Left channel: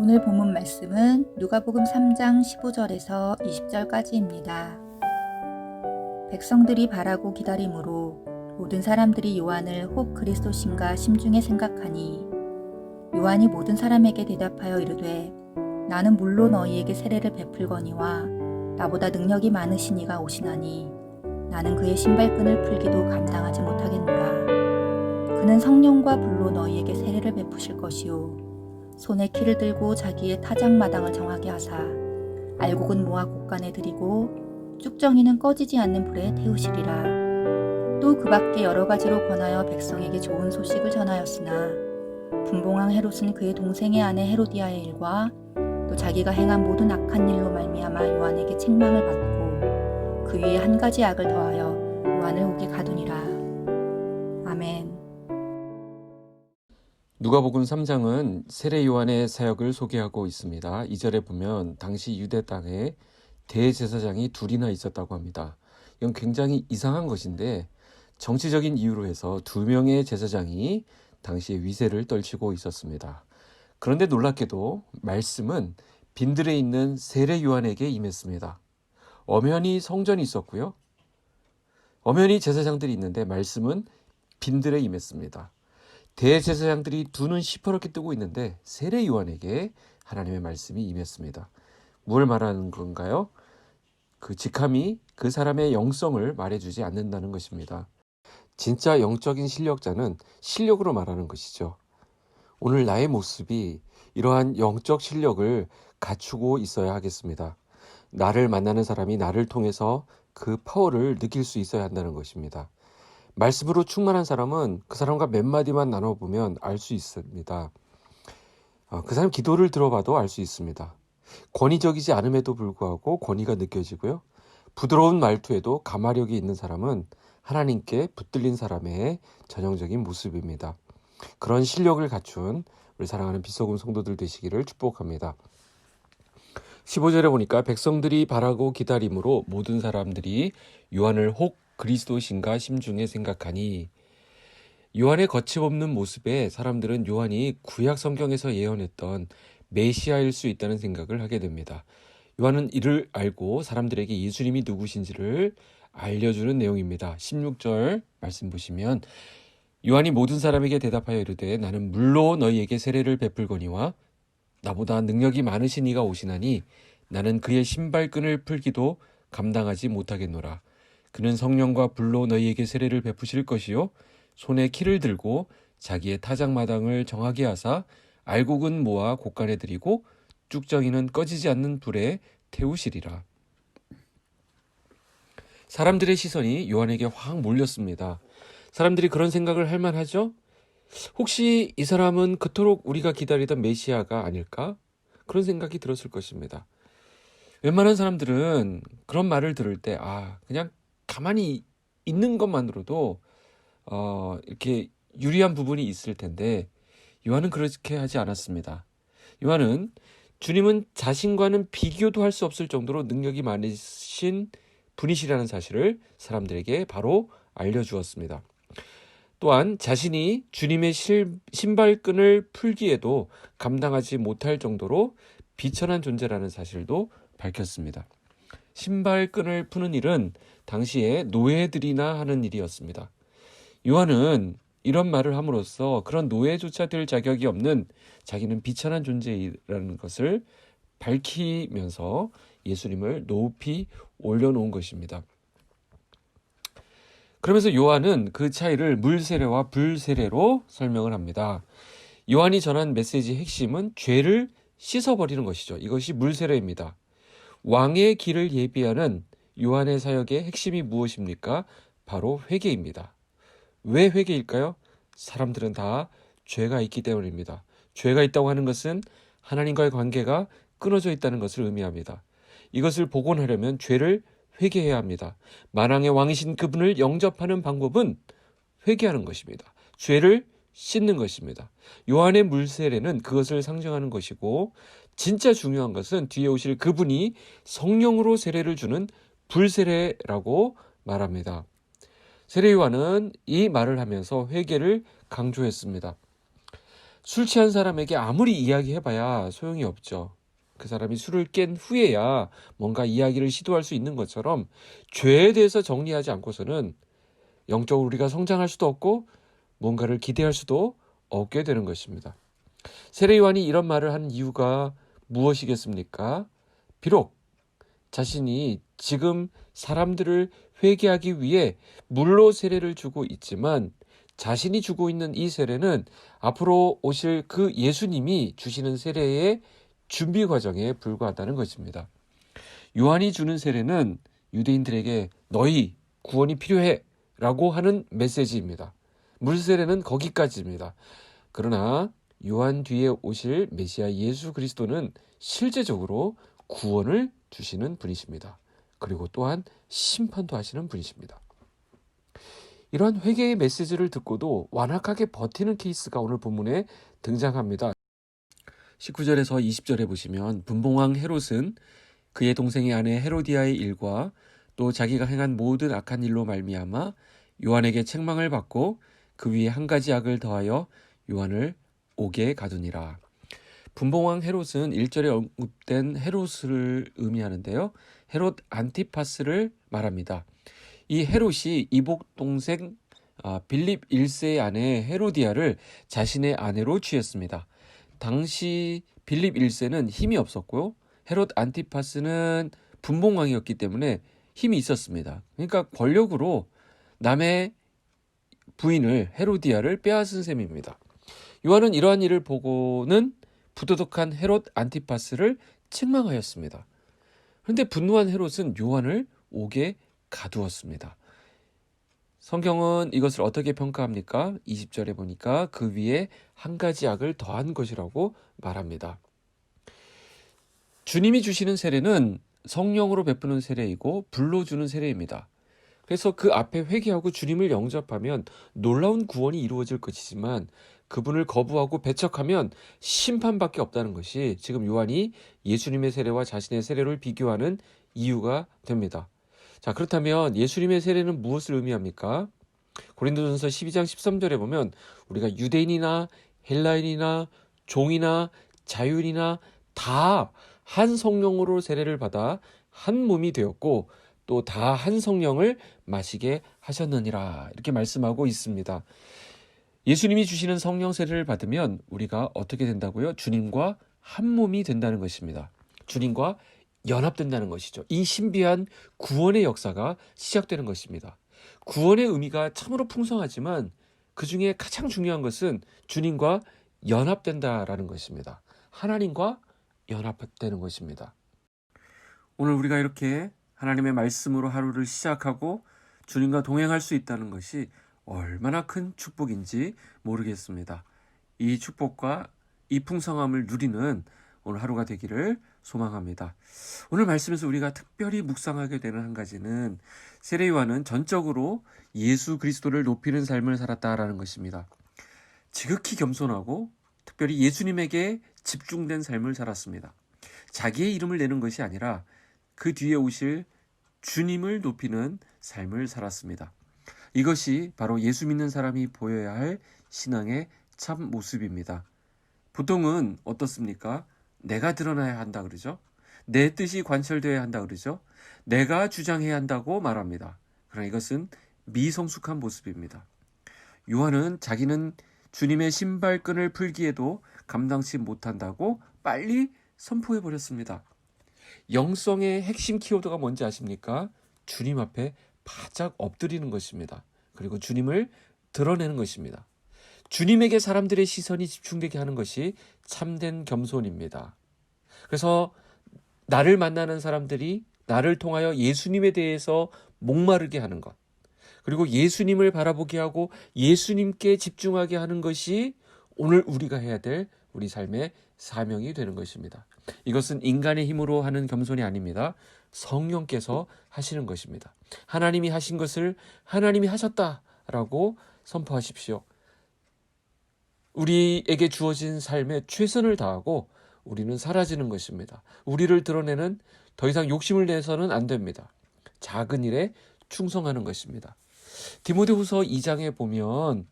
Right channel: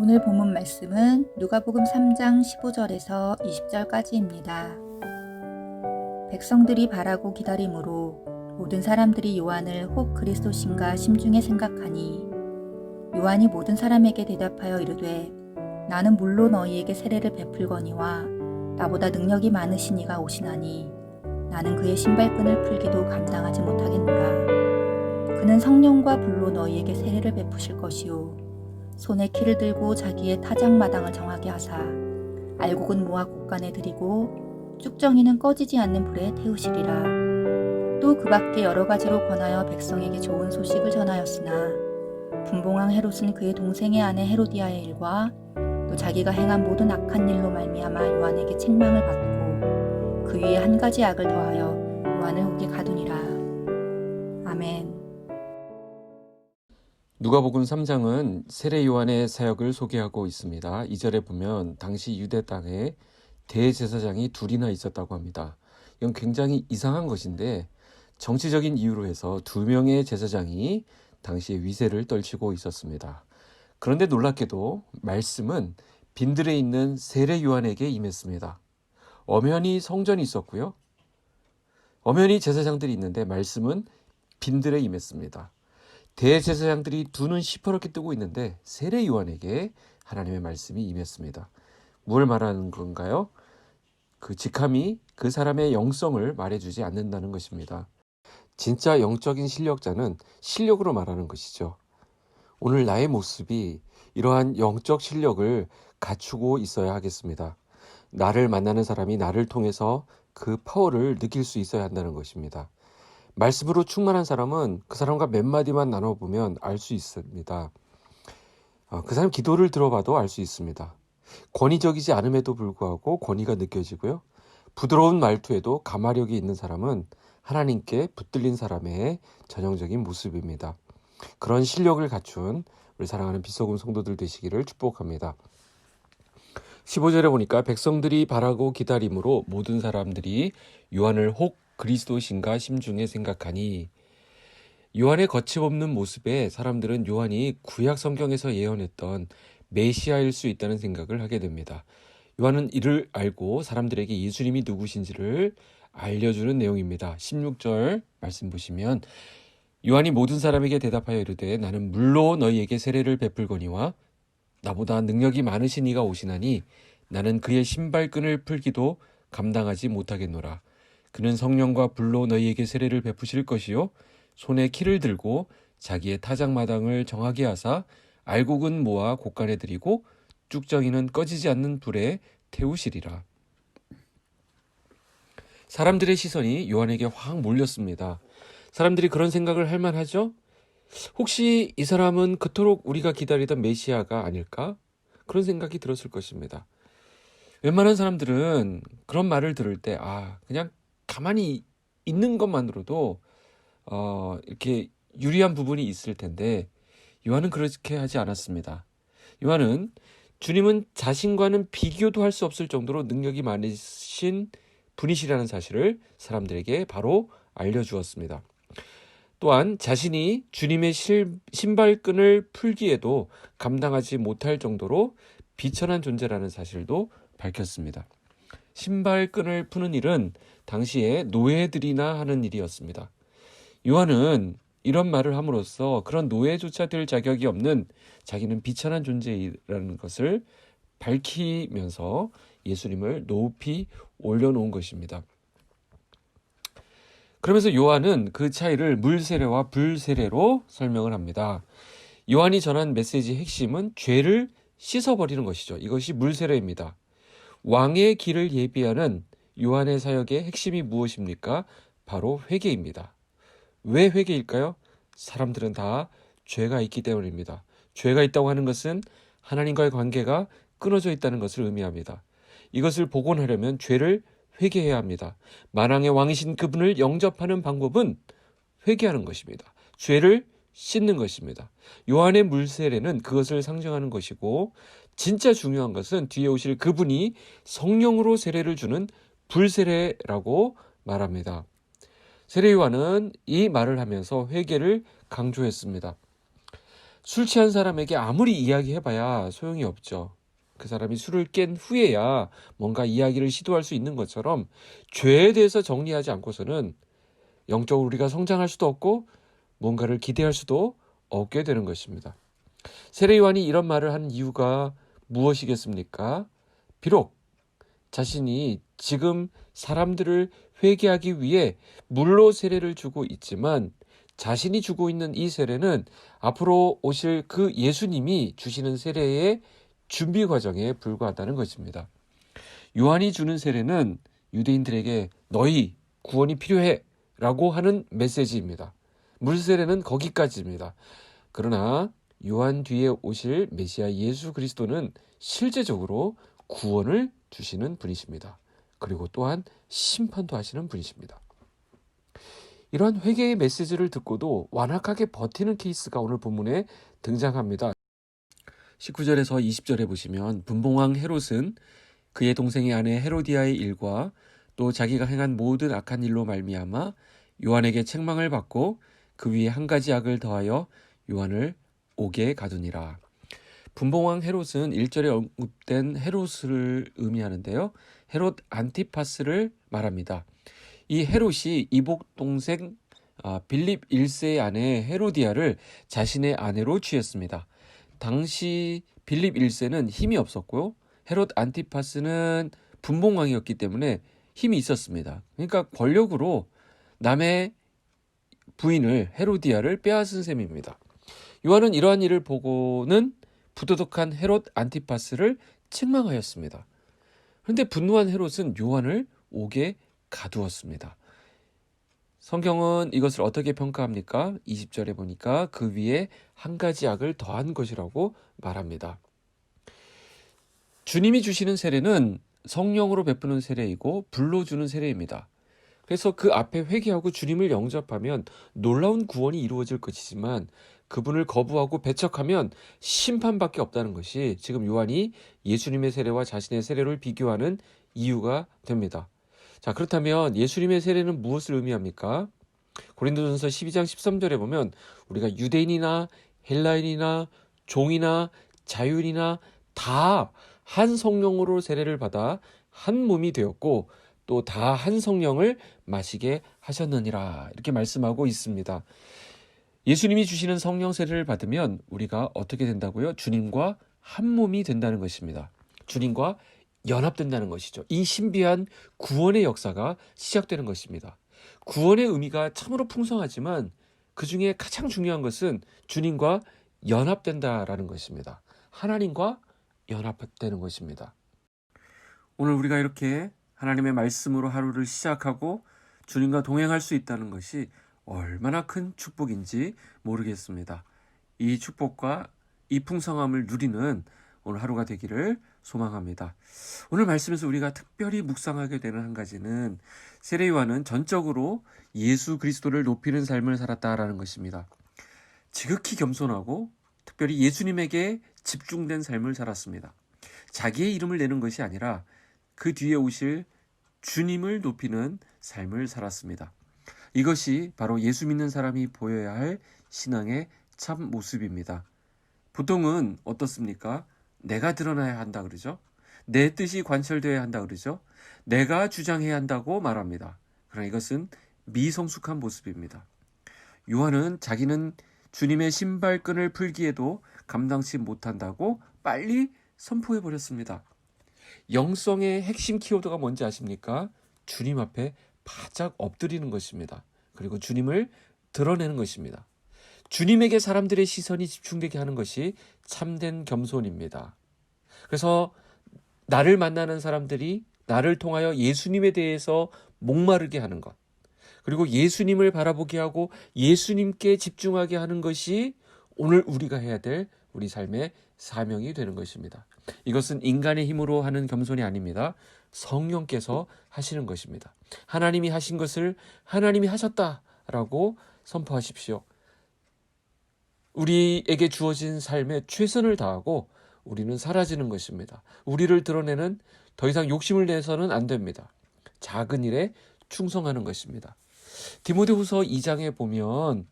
오늘 본문 말씀은 누가복음 3장 15절에서 20절까지입니다. 백성들이 바라고 기다림으로 모든 사람들이 요한을 혹 그리스도신가 심중에 생각하니 요한이 모든 사람에게 대답하여 이르되 나는 물로 너희에게 세례를 베풀거니와 나보다 능력이 많으신 이가 오시나니 나는 그의 신발끈을 풀기도 감당하지 못하겠노라. 그는 성령과 불로 너희에게 세례를 베푸실 것이요 손에 키를 들고 자기의 타작마당을 정하게 하사 알곡은 모아 곳간에 들이고 쭉정이는 꺼지지 않는 불에 태우시리라. 또 그 밖에 여러 가지로 권하여 백성에게 좋은 소식을 전하였으나 분봉왕 헤롯은 그의 동생의 아내 헤로디아의 일과 또 자기가 행한 모든 악한 일로 말미암아 요한에게 책망을 받고 그 위에 한 가지 악을 더하여 요한을 옥에 가두니라. 아멘. 누가복음 3장은 세례 요한의 사역을 소개하고 있습니다. 2절에 보면 당시 유대 땅에 대제사장이 둘이나 있었다고 합니다. 이건 굉장히 이상한 것인데 정치적인 이유로 해서 2명의 제사장이 당시에 위세를 떨치고 있었습니다. 그런데 놀랍게도 말씀은 빈들에 있는 세례 요한에게 임했습니다. 엄연히 성전이 있었고요. 엄연히 제사장들이 있는데 말씀은 빈들에 임했습니다. 대제사장들이 두 눈 시퍼렇게 뜨고 있는데 세례 요한에게 하나님의 말씀이 임했습니다. 뭘 말하는 건가요? 그 직함이 그 사람의 영성을 말해주지 않는다는 것입니다. 진짜 영적인 실력자는 실력으로 말하는 것이죠. 오늘 나의 모습이 이러한 영적 실력을 갖추고 있어야 하겠습니다. 나를 만나는 사람이 나를 통해서 그 파워를 느낄 수 있어야 한다는 것입니다. 말씀으로 충만한 사람은 그 사람과 몇 마디만 나눠보면 알 수 있습니다. 그 사람 기도를 들어봐도 알 수 있습니다. 권위적이지 않음에도 불구하고 권위가 느껴지고요. 부드러운 말투에도 가마력이 있는 사람은 하나님께 붙들린 사람의 전형적인 모습입니다. 그런 실력을 갖춘 우리 사랑하는 빛소금 성도들 되시기를 축복합니다. 15절에 보니까 백성들이 바라고 기다림으로 모든 사람들이 요한을 혹 그리스도신가 심중에 생각하니, 요한의 거침없는 모습에 사람들은 요한이 구약 성경에서 예언했던 메시아일 수 있다는 생각을 하게 됩니다. 요한은 이를 알고 사람들에게 예수님이 누구신지를 알려주는 내용입니다. 16절 말씀 보시면 요한이 모든 사람에게 대답하여 이르되 나는 물로 너희에게 세례를 베풀거니와 나보다 능력이 많으신 이가 오시나니 나는 그의 신발끈을 풀기도 감당하지 못하겠노라. 그는 성령과 불로 너희에게 세례를 베푸실 것이요 손에 키를 들고 자기의 타작마당을 정하게 하사 알곡은 모아 곳간에 들이고 쭉정이는 꺼지지 않는 불에 태우시리라. 사람들의 시선이 요한에게 확 몰렸습니다. 사람들이 그런 생각을 할 만하죠? 혹시 이 사람은 그토록 우리가 기다리던 메시아가 아닐까? 그런 생각이 들었을 것입니다. 웬만한 사람들은 그런 말을 들을 때 그냥 가만히 있는 것만으로도 이렇게 유리한 부분이 있을 텐데 요한은 그렇게 하지 않았습니다. 요한은 주님은 자신과는 비교도 할 수 없을 정도로 능력이 많으신 분이시라는 사실을 사람들에게 바로 알려주었습니다. 또한 자신이 주님의 신발끈을 풀기에도 감당하지 못할 정도로 비천한 존재라는 사실도 밝혔습니다. 신발끈을 푸는 일은 당시에 노예들이나 하는 일이었습니다. 요한은 이런 말을 함으로써 그런 노예조차 될 자격이 없는 자기는 비천한 존재라는 것을 밝히면서 예수님을 높이 올려놓은 것입니다. 그러면서 요한은 그 차이를 물세례와 불세례로 설명을 합니다. 요한이 전한 메시지의 핵심은 죄를 씻어버리는 것이죠. 이것이 물세례입니다. 왕의 길을 예비하는 요한의 사역의 핵심이 무엇입니까? 바로 회개입니다. 왜 회개일까요? 사람들은 다 죄가 있기 때문입니다. 죄가 있다고 하는 것은 하나님과의 관계가 끊어져 있다는 것을 의미합니다. 이것을 복원하려면 죄를 회개해야 합니다. 만왕의 왕이신 그분을 영접하는 방법은 회개하는 것입니다. 죄를 씻는 것입니다. 요한의 물세례는 그것을 상징하는 것이고 진짜 중요한 것은 뒤에 오실 그분이 성령으로 세례를 주는 불세례라고 말합니다. 세례 요한은 이 말을 하면서 회개를 강조했습니다. 술 취한 사람에게 아무리 이야기해봐야 소용이 없죠. 그 사람이 술을 깬 후에야 뭔가 이야기를 시도할 수 있는 것처럼 죄에 대해서 정리하지 않고서는 영적으로 우리가 성장할 수도 없고 뭔가를 기대할 수도 없게 되는 것입니다. 세례 요한이 이런 말을 한 이유가 무엇이겠습니까? 비록 자신이 지금 사람들을 회개하기 위해 물로 세례를 주고 있지만 자신이 주고 있는 이 세례는 앞으로 오실 그 예수님이 주시는 세례의 준비 과정에 불과하다는 것입니다. 요한이 주는 세례는 유대인들에게 너희 구원이 필요해 라고 하는 메시지입니다. 물 세례는 거기까지입니다. 그러나 요한 뒤에 오실 메시아 예수 그리스도는 실제적으로 구원을 주시는 분이십니다. 그리고 또한 심판도 하시는 분이십니다. 이러한 회개의 메시지를 듣고도 완악하게 버티는 케이스가 오늘 본문에 등장합니다. 19절에서 20절에 보시면 분봉왕 헤롯은 그의 동생의 아내 헤로디아의 일과 또 자기가 행한 모든 악한 일로 말미암아 요한에게 책망을 받고 그 위에 한 가지 악을 더하여 요한을 옥에 가두니라. 분봉왕 헤롯은 1절에 언급된 헤롯을 의미하는데요. 헤롯 안티파스를 말합니다. 이 헤롯이 이복 동생 빌립 1세의 아내 헤로디아를 자신의 아내로 취했습니다. 당시 빌립 1세는 힘이 없었고요. 헤롯 안티파스는 분봉왕이었기 때문에 힘이 있었습니다. 그러니까 권력으로 남의 부인을 헤로디아를 빼앗은 셈입니다. 요한은 이러한 일을 보고는 부도덕한 헤롯 안티파스를 책망하였습니다. 그런데 분노한 헤롯은 요한을 옥에 가두었습니다. 성경은 이것을 어떻게 평가합니까? 20절에 보니까 그 위에 한 가지 악을 더한 것이라고 말합니다. 주님이 주시는 세례는 성령으로 베푸는 세례이고 불로 주는 세례입니다. 그래서 그 앞에 회개하고 주님을 영접하면 놀라운 구원이 이루어질 것이지만 그분을 거부하고 배척하면 심판밖에 없다는 것이 지금 요한이 예수님의 세례와 자신의 세례를 비교하는 이유가 됩니다. 자, 그렇다면 예수님의 세례는 무엇을 의미합니까? 고린도전서 12장 13절에 보면 우리가 유대인이나 헬라인이나 종이나 자유인이나 다 한 성령으로 세례를 받아 한 몸이 되었고 또 다 한 성령을 마시게 하셨느니라 이렇게 말씀하고 있습니다. 예수님이 주시는 성령 세례를 받으면 우리가 어떻게 된다고요? 주님과 한 몸이 된다는 것입니다. 주님과 연합된다는 것이죠. 이 신비한 구원의 역사가 시작되는 것입니다. 구원의 의미가 참으로 풍성하지만 그 중에 가장 중요한 것은 주님과 연합된다라는 것입니다. 하나님과 연합되는 것입니다. 오늘 우리가 이렇게 하나님의 말씀으로 하루를 시작하고 주님과 동행할 수 있다는 것이 얼마나 큰 축복인지 모르겠습니다. 이 축복과 이 풍성함을 누리는 오늘 하루가 되기를 소망합니다. 오늘 말씀에서 우리가 특별히 묵상하게 되는 한 가지는 세례 요한은 전적으로 예수 그리스도를 높이는 삶을 살았다라는 것입니다. 지극히 겸손하고 특별히 예수님에게 집중된 삶을 살았습니다. 자기의 이름을 내는 것이 아니라 그 뒤에 오실 주님을 높이는 삶을 살았습니다. 이것이 바로 예수 믿는 사람이 보여야 할 신앙의 참 모습입니다. 보통은 어떻습니까? 내가 드러나야 한다 그러죠. 내 뜻이 관철되어야 한다 그러죠. 내가 주장해야 한다고 말합니다. 그러나 이것은 미성숙한 모습입니다. 요한은 자기는 주님의 신발끈을 풀기에도 감당치 못한다고 빨리 선포해 버렸습니다. 영성의 핵심 키워드가 뭔지 아십니까? 주님 앞에 바짝 엎드리는 것입니다. 그리고 주님을 드러내는 것입니다. 주님에게 사람들의 시선이 집중되게 하는 것이 참된 겸손입니다. 그래서 나를 만나는 사람들이 나를 통하여 예수님에 대해서 목마르게 하는 것, 그리고 예수님을 바라보게 하고 예수님께 집중하게 하는 것이 오늘 우리가 해야 될 우리 삶의 사명이 되는 것입니다. 이것은 인간의 힘으로 하는 겸손이 아닙니다. 성령께서 하시는 것입니다. 하나님이 하신 것을 하나님이 하셨다라고 선포하십시오. 우리에게 주어진 삶에 최선을 다하고 우리는 사라지는 것입니다. 우리를 드러내는 더 이상 욕심을 내서는 안 됩니다. 작은 일에 충성하는 것입니다. 디모데후서 2장에 보면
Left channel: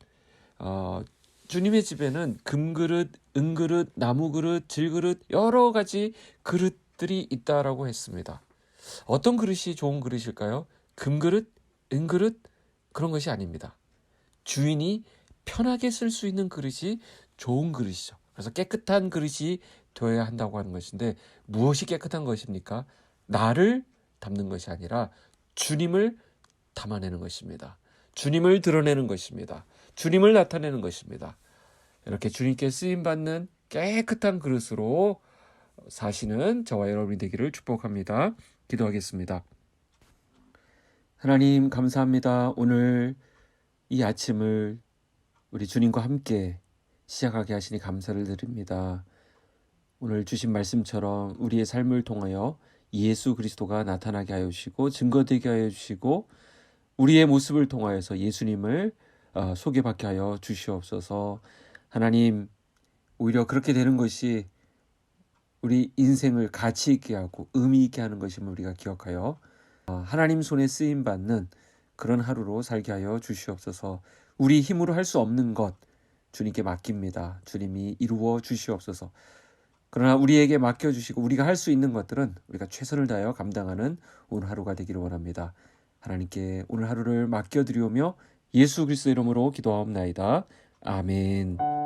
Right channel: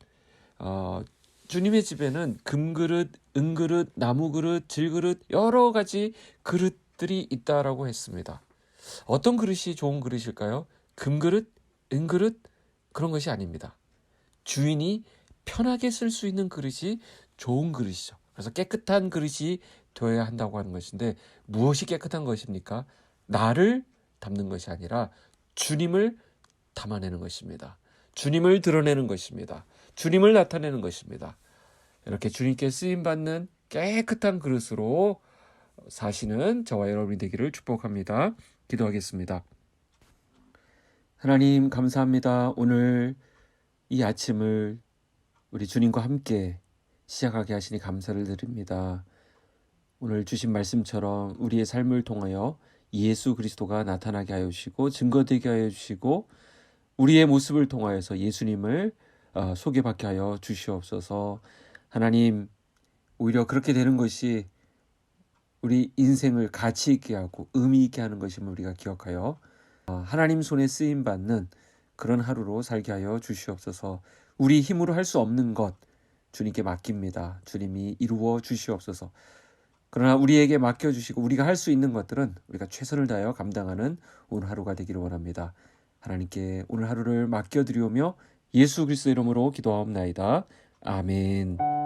주님의 집에는 금그릇, 은그릇, 나무그릇, 질그릇 여러 가지 그릇들이 있다라고 했습니다. 어떤 그릇이 좋은 그릇일까요? 금그릇, 은그릇 그런 것이 아닙니다. 주인이 편하게 쓸 수 있는 그릇이 좋은 그릇이죠. 그래서 깨끗한 그릇이 되어야 한다고 하는 것인데 무엇이 깨끗한 것입니까? 나를 담는 것이 아니라 주님을 담아내는 것입니다. 주님을 드러내는 것입니다. 주님을 나타내는 것입니다. 이렇게 주님께 쓰임받는 깨끗한 그릇으로 사시는 저와 여러분이 되기를 축복합니다. 기도하겠습니다. 하나님 감사합니다. 오늘 이 아침을 우리 주님과 함께 시작하게 하시니 감사를 드립니다. 오늘 주신 말씀처럼 우리의 삶을 통하여 예수 그리스도가 나타나게 하여 주시고 증거되게 하여 주시고 우리의 모습을 통하여서 예수님을 소개받게 하여 주시옵소서. 하나님, 오히려 그렇게 되는 것이 우리 인생을 가치 있게 하고 의미 있게 하는 것임을 우리가 기억하여 하나님 손에 쓰임 받는 그런 하루로 살게 하여 주시옵소서. 우리 힘으로 할 수 없는 것 주님께 맡깁니다. 주님이 이루어 주시옵소서. 그러나 우리에게 맡겨주시고 우리가 할 수 있는 것들은 우리가 최선을 다하여 감당하는 오늘 하루가 되기를 원합니다. 하나님께 오늘 하루를 맡겨드리오며 예수 그리스도 이름으로 기도하옵나이다. 아멘.